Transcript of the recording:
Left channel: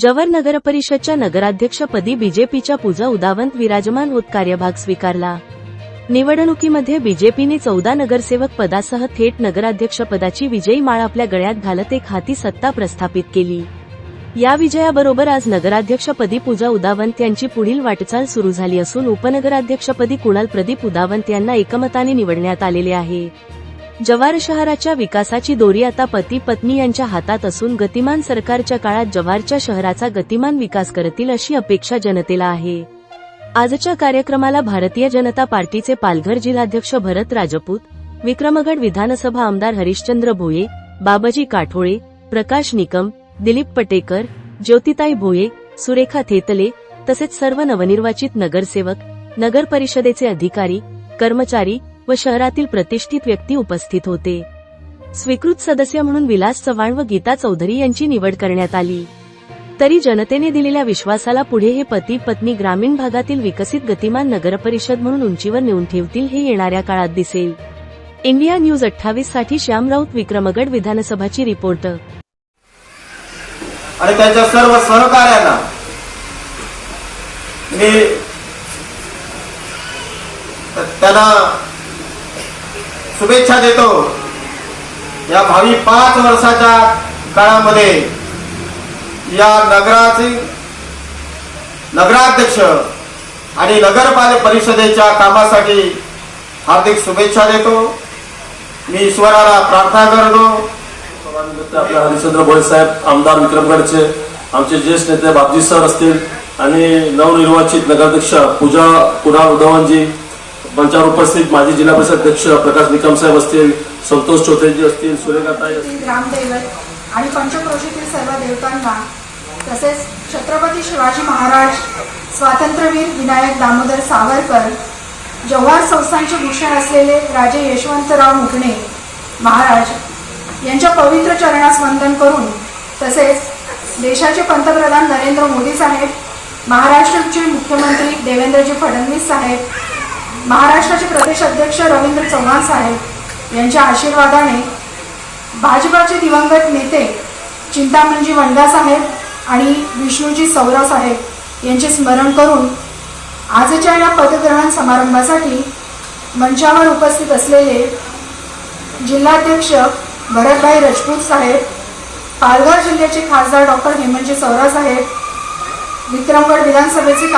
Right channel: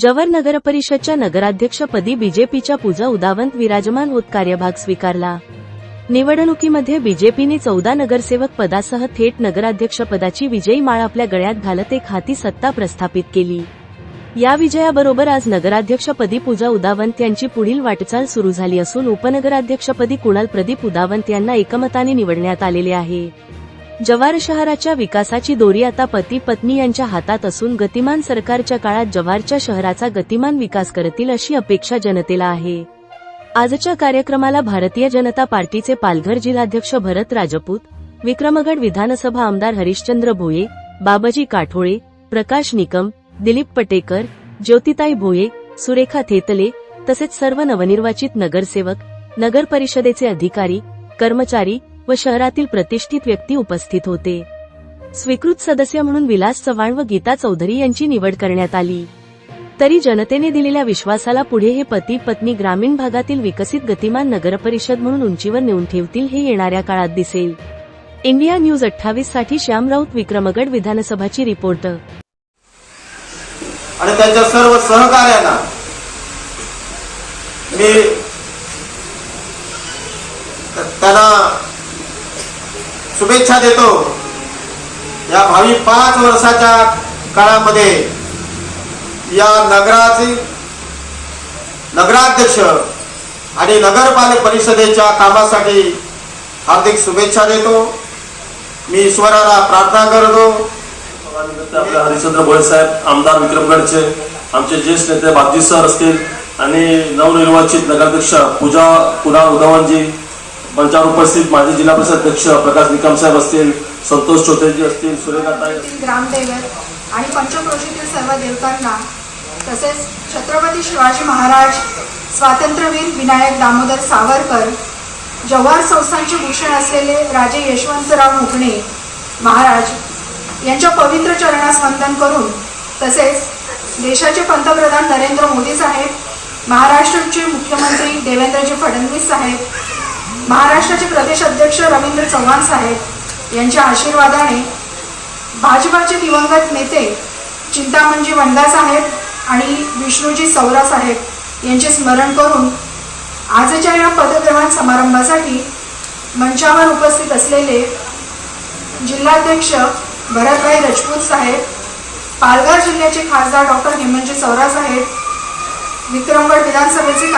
जव्हार नगरपरिषदच्या नगराध्यक्षपदी बीजेपीच्या पूजा उदावंत विराजमान होत कार्यभाग स्वीकारला। निवडणुकीमध्ये बीजेपीने 14 नगरसेवक पदासह थेट नगराध्यक्षपदाची विजयी माळ आपल्या गळ्यात घालत एक हाती सत्ता प्रस्थापित केली। या विजयाबरोबर आज नगराध्यक्षपदी पूजा उदावंत यांची पुढील वाटचाल सुरू झाली असून उपनगराध्यक्षपदी कुणाल प्रदीप उदावंत यांना एकमताने निवडण्यात आलेले आहे। जव्हार शहराच्या विकासाची दोरी आता पती पत्नी यांच्या हातात असून गतिमान सरकारच्या काळात जव्हारच्या शहराचा गतिमान विकास करतील अशी अपेक्षा जनतेला आहे। आजच्या कार्यक्रमाला भारतीय जनता पार्टीचे पालघर जिल्हाध्यक्ष भरत राजपूत, विक्रमगड विधानसभा आमदार हरिश्चंद्र भोये, बाबाजी काठोळे, प्रकाश निकम, दिलीप पटेकर, ज्योतिताई भोये, सुरेखा थेतले तसेच सर्व नवनिर्वाचित नगरसेवक, नगर परिषदेचे अधिकारी, कर्मचारी व शहरातील प्रतिष्ठित व्यक्ती उपस्थित होते। स्वीकृत सदस्य म्हणून विलास चव्हाण व गीता चौधरी यांची निवड करण्यात आली। तरी जनतेने दिलेल्या विश्वासाला पुढे हे पती पत्नी ग्रामीण भागातील विकसित गतिमान नगरपरिषद म्हणून उंचीवर नेऊन ठेवतील हे येणाऱ्या काळात दिसेल। इंडिया न्यूज 28 साठी श्याम राऊत, विक्रमगड विधानसभाची रिपोर्टर। आणि त्यांच्या सर्व सहकार्यांना मी त्यांना शुभेच्छा देतो। या भावी 5 वर्षाच्या काळामध्ये या नगराध्यक्ष आणि नगरपालिका परिषदेच्या कामासाठी हार्दिक शुभेच्छा देतो। मी ईश्वराला प्रार्थना करतो। हरिश्चंद्र भोये साहेब आमदार विक्रमगडचे, आमचे ज्येष्ठ नेते बापजी सर असतील आणि नवनिर्वाचित नगराध्यक्ष पूजा कुणाल उदावंतजी, मंचावर उपस्थित माजी जिल्हा परिषद अध्यक्ष प्रकाश निकम साहेब असतील, संतोष चौधरी असतील, सुरेखाताई, ग्रामदैवत आणि पंचक्रोशीतील सर्व देवतांना तसेच छत्रपती शिवाजी महाराज, स्वातंत्र्यवीर विनायक दामोदर सावरकर, जव्हार संस्थानचे भूषण असलेले राजे यशवंतराव मुगणे महाराज यांच्या पवित्र चरणास वंदन करून तसेच देशाचे पंतप्रधान नरेंद्र मोदी साहेब, महाराष्ट्राचे मुख्यमंत्री देवेंद्रजी फडणवीस साहेब, महाराष्ट्राचे प्रदेश अध्यक्ष रवींद्र चव्हाण साहेब यांच्या आशीर्वादाने भाजपाचे दिवंगत नेते चिंतामणजी वंडा साहेब आणि विष्णूजी सौरा साहेब यांचे स्मरण करून आजच्या या पदग्रहण समारंभासाठी मंचावर उपस्थित असलेले जिल्हाध्यक्ष भरतभाई राजपूत साहेब, पालघर जिल्ह्याचे खासदार डॉक्टर हेमंतजी सौरा साहेब, विक्रमगड विधानसभेचे